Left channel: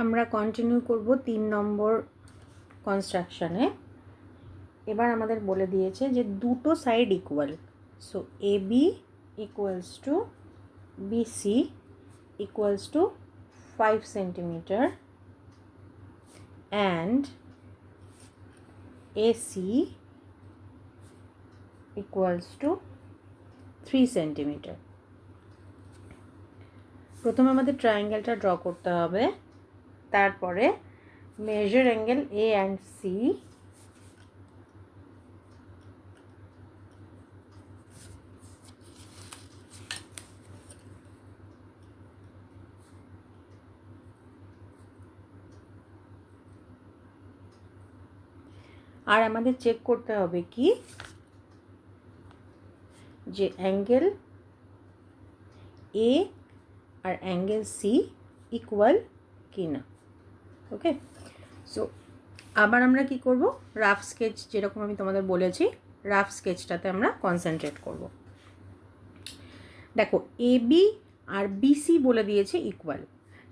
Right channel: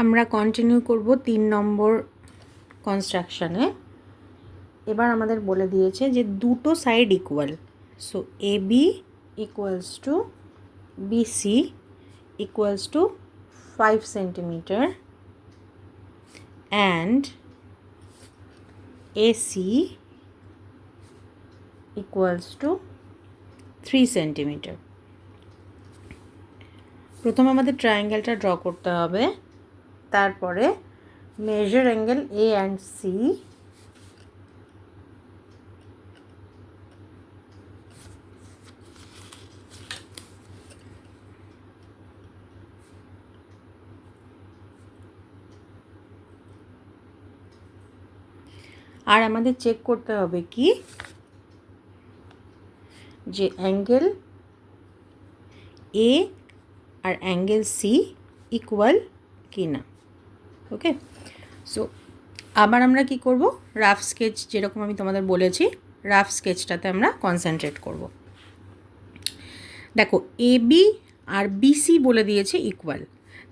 আমরা কন্টিনিউ করব 3 নম্বর কনস্ট্রাকশনে। এবার আমাদের বলে দিয়েছে যে দুটো side equal, so A B equals to BC equals to 5 centimetre and AC equals to 3 centimetre. প্রথমে আমাদের ট্রায়াঙ্গেলটা ড্র করতে হবে, তারপরে measure angle A and C আর আমাদের চেক করতে হবে কি যে অ্যাঙ্গেল এ আর অ্যাঙ্গেল সি ইকুয়াল কি না। ওকে, সো আবার আমরা কি করব, রাফ স্কেচ যেরকম আমি তোমাদের বলেছি রাফ স্কেচটাতে আমরা কনসেন্ট্রেট করব। দেখো এ বি আর বিসি বলে দিয়েছে ইকুয়াল,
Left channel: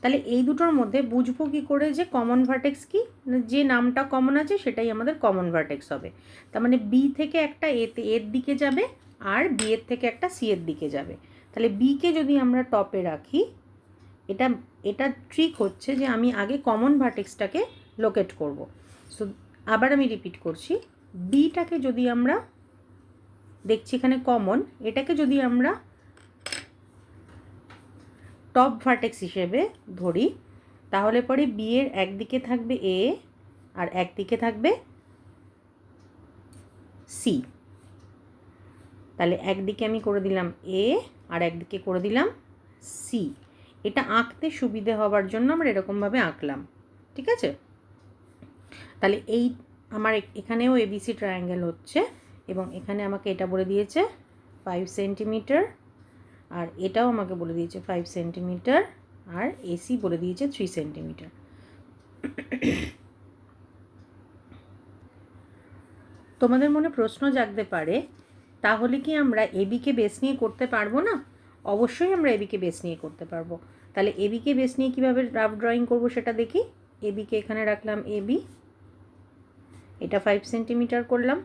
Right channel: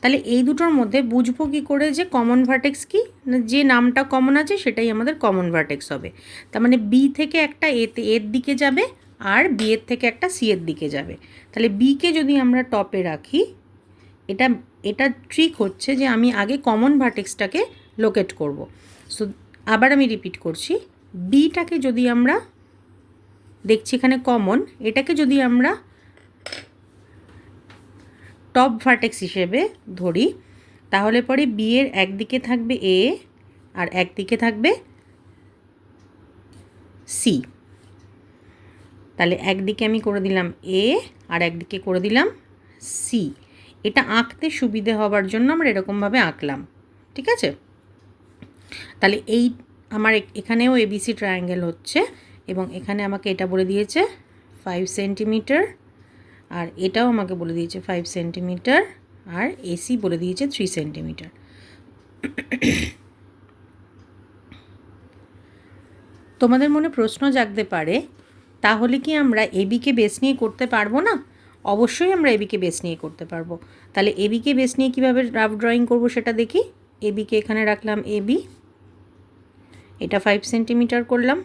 তাহলে এই দুটোর মধ্যে বুঝবো কী করে যে কমন ভার্টেক্স কি, যে নামটা কমন আছে সেটাই আমাদের কমন ভার্টেক্স হবে। তার মানে বি থেকে একটা এর দিকে যাবে আর বি এর থেকে একটা সি এর দিকে যাবে। তাহলে বিকে যদি আমরা টপে রাখি, এটা এটা ট্রিক হচ্ছে যে আমি আগে কমন ভার্টেক্সটাকে লোকেট করব। সো আবার আমি রিপিট করছি, বিটাকে যদি আমরা দেখছি এখানে কমন, এটাকে যদি আমরা টপ ভার্টেক্স হিসেবে ধরি, তাহলে পরে বি এর একদিকে থাকবে এ আর একদিকে থাকবে সি। তাহলে একদিকে আমি করে দিলাম এ আর একদিকে করে দিলাম সি। এটা আঁকতে সুবিধে হবার জন্য আমরা এরকমভাবে আঁকলাম, ঠিক আছে। তাহলে এই আমার এখানেও এবিসি ট্রায়াঙ্গেল হচ্ছে এবং এখানে আমাকে এটা বলে দিয়েছে 5 সেন্টিমিটার আর এটাও আমাকে বলে দিয়েছে 5 সেন্টিমিটার আর এসি বলে দিয়েছে 3 সেন্টিমিটার। তোমাদের মনে প্রশ্ন জাগতে পারে, তাহলে কি আমরা এবিকে বেস নিয়ে করতে পারবো না? অবশ্যই আমরা এবিকে বেস নিয়ে করতে পারবো। তাহলে এবিকে বেস নিয়ে কীভাবে রাফ ড্রয়িং করবো সেটা দেখি। এবিকে এখানে রাখলাম এবি, এটা 5 সেন্টিমিটার করলাম।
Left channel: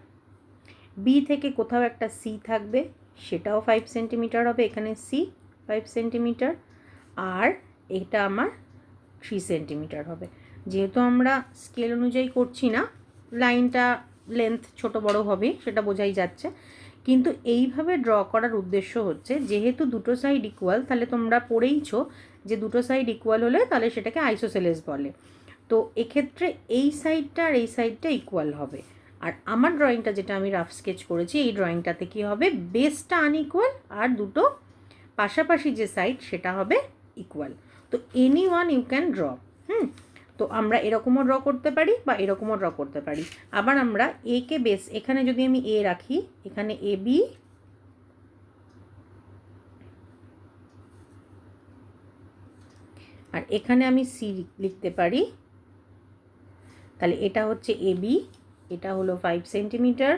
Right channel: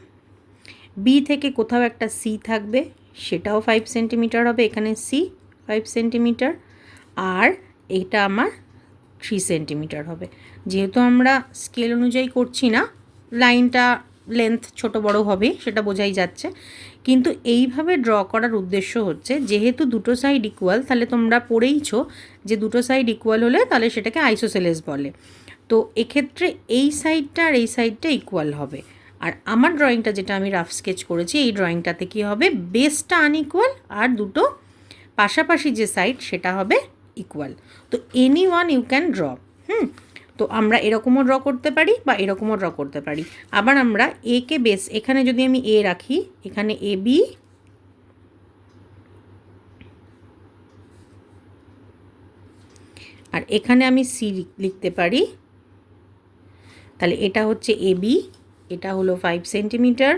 বি থেকে কোথাও একটা সি থাকবে, সেটাও 5 সেন্টিমিটার হবে, এখানে সি 5 সেন্টিমিটার আর এটা আমার 3 সেন্টিমিটার হবে। যেহেতু আমরা স্কেল অনুযায়ী করছি না, লাইনটা লেন্থ ছোট বড় হবে সেটা বোঝাই যাচ্ছে, কিন্তু এইভাবে ড্র করার উদ্দেশ্য হচ্ছে যেহেতু দুটো সাইড ইকুয়াল, তাহলে তোমরা পড়েইছো যে দুটো সাইড ইকুয়াল হলে তাহলে সেটাকে আইসোসেলেস বলে। তো এক্ষেত্রে এই সাইডটা আর এই সাইডটা ইকুয়াল হবে। আর আমার ড্রয়িংটা যেটা আমি রাফ স্কেচ করেছি, এই ড্রয়িংটাতে কী হবে, বেসটা আনইকুয়াল আর দুটো পাশাপাশি যে সাইড সেটা হবে ইকুয়াল। তো any one you can draw. তো আমরা এরকমও ড্র করতে পারি বা এরকমও ড্র করতে পারি। আবার আমরা একে বেস, এখানে যদি আমি এ রাখি, এখানে এ বি আর এখানে আমি সি লিখতে পারি। তাহলে এটা হচ্ছে এ বি, এটা হলো 5 সেন্টিমিটার,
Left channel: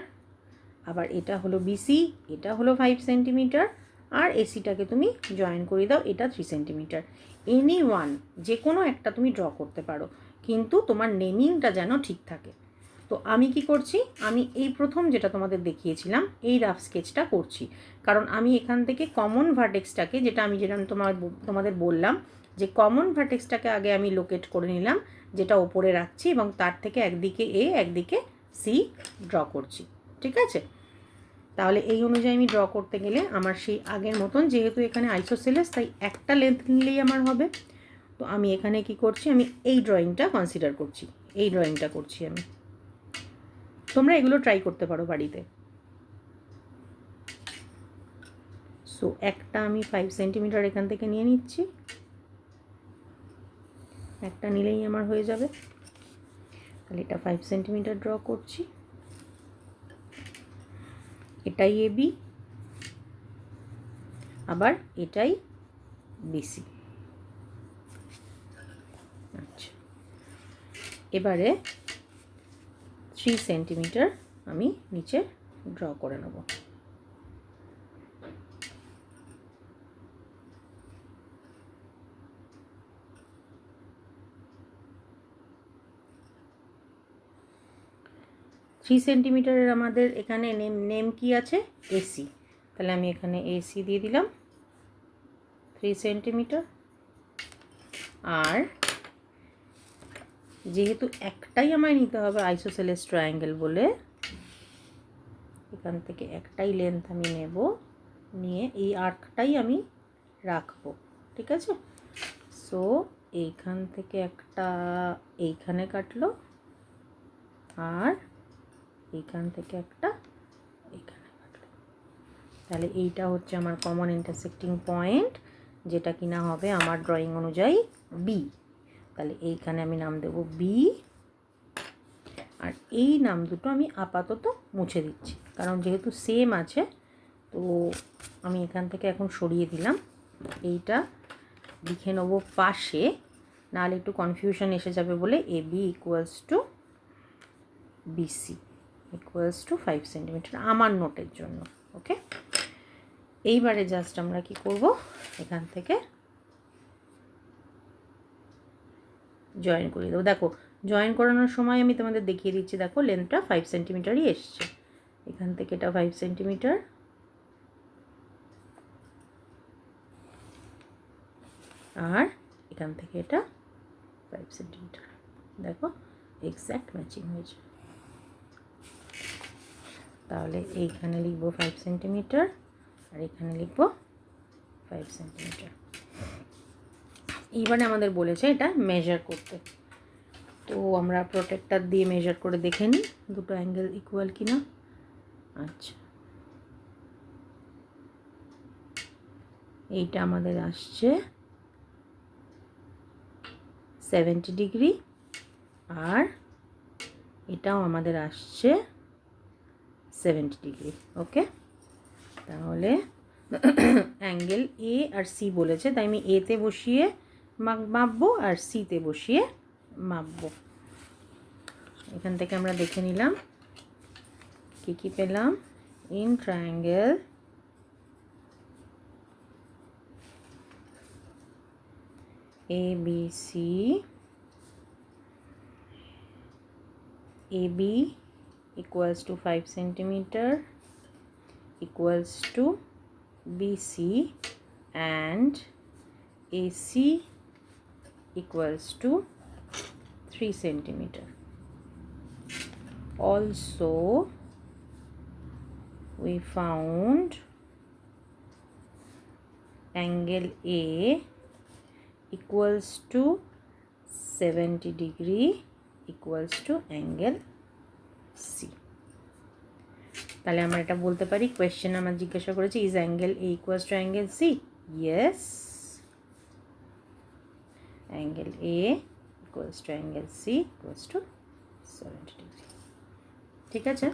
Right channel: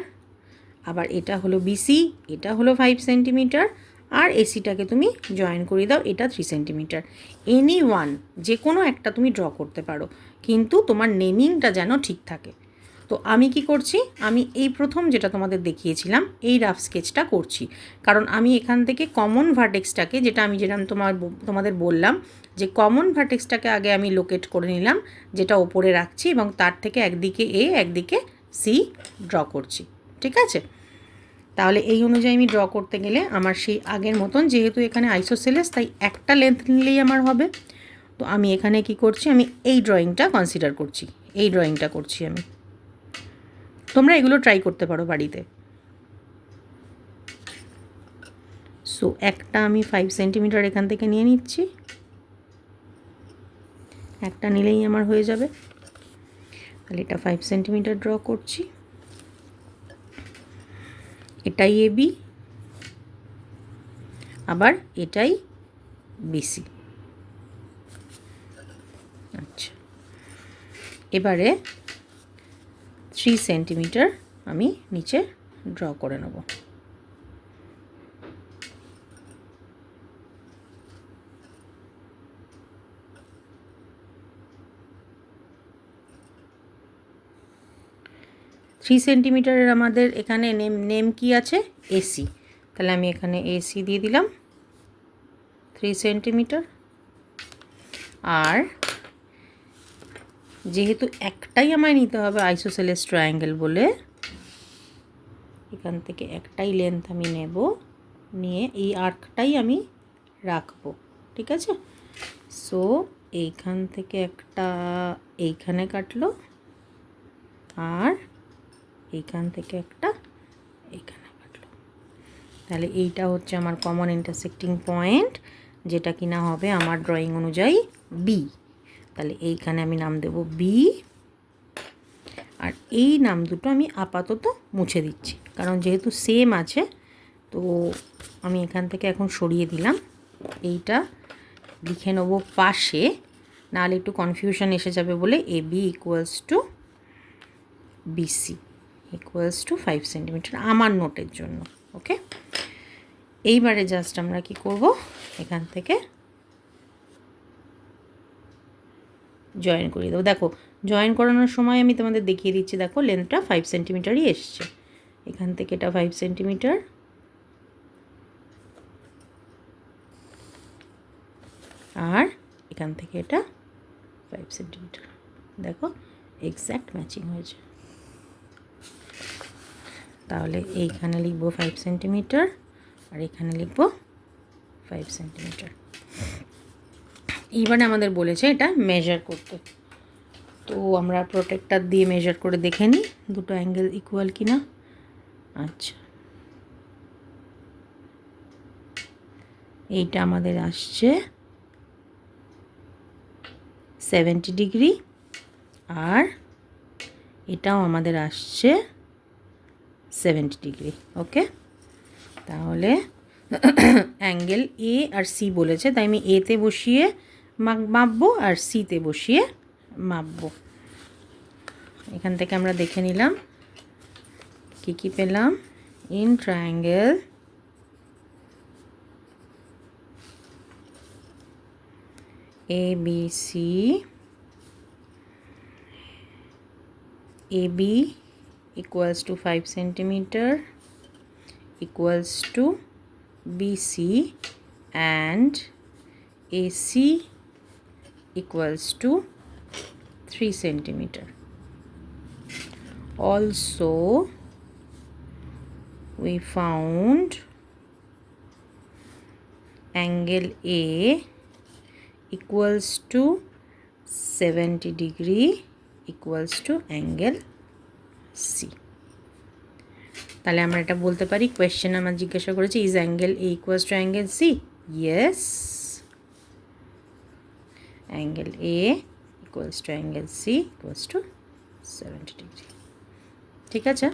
আবার এটা হলো বিসি, এটা হলো 5 সেন্টিমিটার আর এসিটাকে তুমি জয়েন করে দাও, এটা 3 সেন্টিমিটার। এনি ওয়ান যে কোনো একটা তুমি ড্র করতে পারো, কিন্তু তোমার নেমিংটা যেন ঠিক থাকে। তো আমি কি করছি, আমি এই প্রথম যেটা তোমাদের দেখিয়েছিলাম এই রাফ স্কেচটা করছি, কারণ আমি এখান থেকে কমন ভার্টেক্সটাকে, যেটা আমি যেরকম তোমাদের বললাম যে কমন ভার্টেক্সটাকে আগে আমি লোকেট করে নিলাম, যেটা ওপরে রাখছি এবং তার থেকে একদিকে এ একদিকে সি ড্র করছি, ঠিক আছে। তাহলে এই অনুযায়ী আমি ড্র করতে গেলে আমার সেই আগের মতন, যেহেতু এখানে আইসোসেলেস তাই একটা লেন্থ নিলেই আমার হবে। তো আমি এখানে কি করছি, আমি এই ড্রয়িংটা কনসিডার করছি, এই ড্রয়িংটা করছি আমি। তোমরা এগুলো ট্রাই করতে পারো বাড়িতে। সো একটা আমি 5 সেন্টিমিটার এখান থেকে নিয়ে নিচ্ছি, একটা নিলেই আমার হয়ে যাবে। তাহলে এটা 5 সেন্টিমিটার ড্র করছি, এটাই এ বি, আবার এটাই বিসি। আচ্ছা, এবারে 3 সেন্টিমিটার আমি নিচে ড্র করে নেব। 3 সেন্টিমিটারের আমাদের এখানে নেম কি আছে? এসি। তাহলে আমি এখানে এসি দিয়ে দিলাম 3 সেন্টিমিটার। আর যেহেতু একটাই আমায় নিতে হবে আইসোসেলেস ট্রায়াঙ্গেল বলে, এখান থেকে একটাই লেন্থ আমি নেব, নিয়ে এই আর্কটাই আমি রাখবো। ঠিক আছে? সো এইখান থেকে একটা এইখানে কাটলো, আর এইখান থেকে একটা এইখানে কাটলো। তাহলে এইটা হচ্ছে আমার কমন ইন্টারসেক্টিং পয়েন্ট, যেটা কিনা হবে আমার ড্রয়িং অনুযায়ী বি। তাহলে এইখানে আমি নাম দেব বি, আর এই নাম দুটো আমি আপাতত মুছে দিচ্ছি, কারণ যেহেতু সেম আছে। তো আমি এখান থেকে এখন সরিয়ে দিলাম, এইটা লিখে নেবো পাশে, নাহলে একটু কনফিউশন এসে যাবে বলে A B equals to BC equals to 5 centimetre আমার নোটের জন্য। ওকে, এইবারে জাস্ট আমরা কি করব, এখান থেকে জয়েন করিয়ে দেবো। দেখো জয়েন করানোর সময় আমি তোমাদের দেখিয়ে দিচ্ছি, দেখো লেন্থটা 5 সেন্টিমিটারই এসছে। এখান থেকে এটা 5 সেন্টিমিটার, আর এখান থেকে এটা 5 সেন্টিমিটার। দেখো এক্স্যাক্ট ম্যাচিং হয়েছে। তাহলে এইখানে লিখবো 5 সেন্টিমিটার, আর এখানে লিখবো 5 সেন্টিমিটার। এইবারে আমাদের বলেছে এটা মেজার করতে, তো আমরা প্রোটেক্টর দিয়ে মেজার করে দেখে নিই দুটো অ্যাঙ্গেল ইকুয়াল কিনা। আচ্ছা, এইটা আমাদের আসছে 70 ডিগ্রি, আর এটাও আমাদের আসছে 70 ডিগ্রি। ওকে, তাহলে অ্যাঙ্গেল এ আর সি বলেছে, তাই আমি এতে বসিয়ে মাপবো আর সিতে বসিয়ে মাপবো। এখান থেকে আমরা দেখে নিলাম কি কি পেলাম। In triangle ABC, AB equals to 5 centimeter equals to BC, and AC equals to 3 centimeter. Also we found angle A equals to 70 degree equals to angle C. তাহলে আমরা এটা বলতে পারি, কোয়েশ্চেন আমার জিজ্ঞাসা করেছে is angle A equals to angle C? Yes, angle A equals to angle C equals to 70 degree. ঠিক আছে।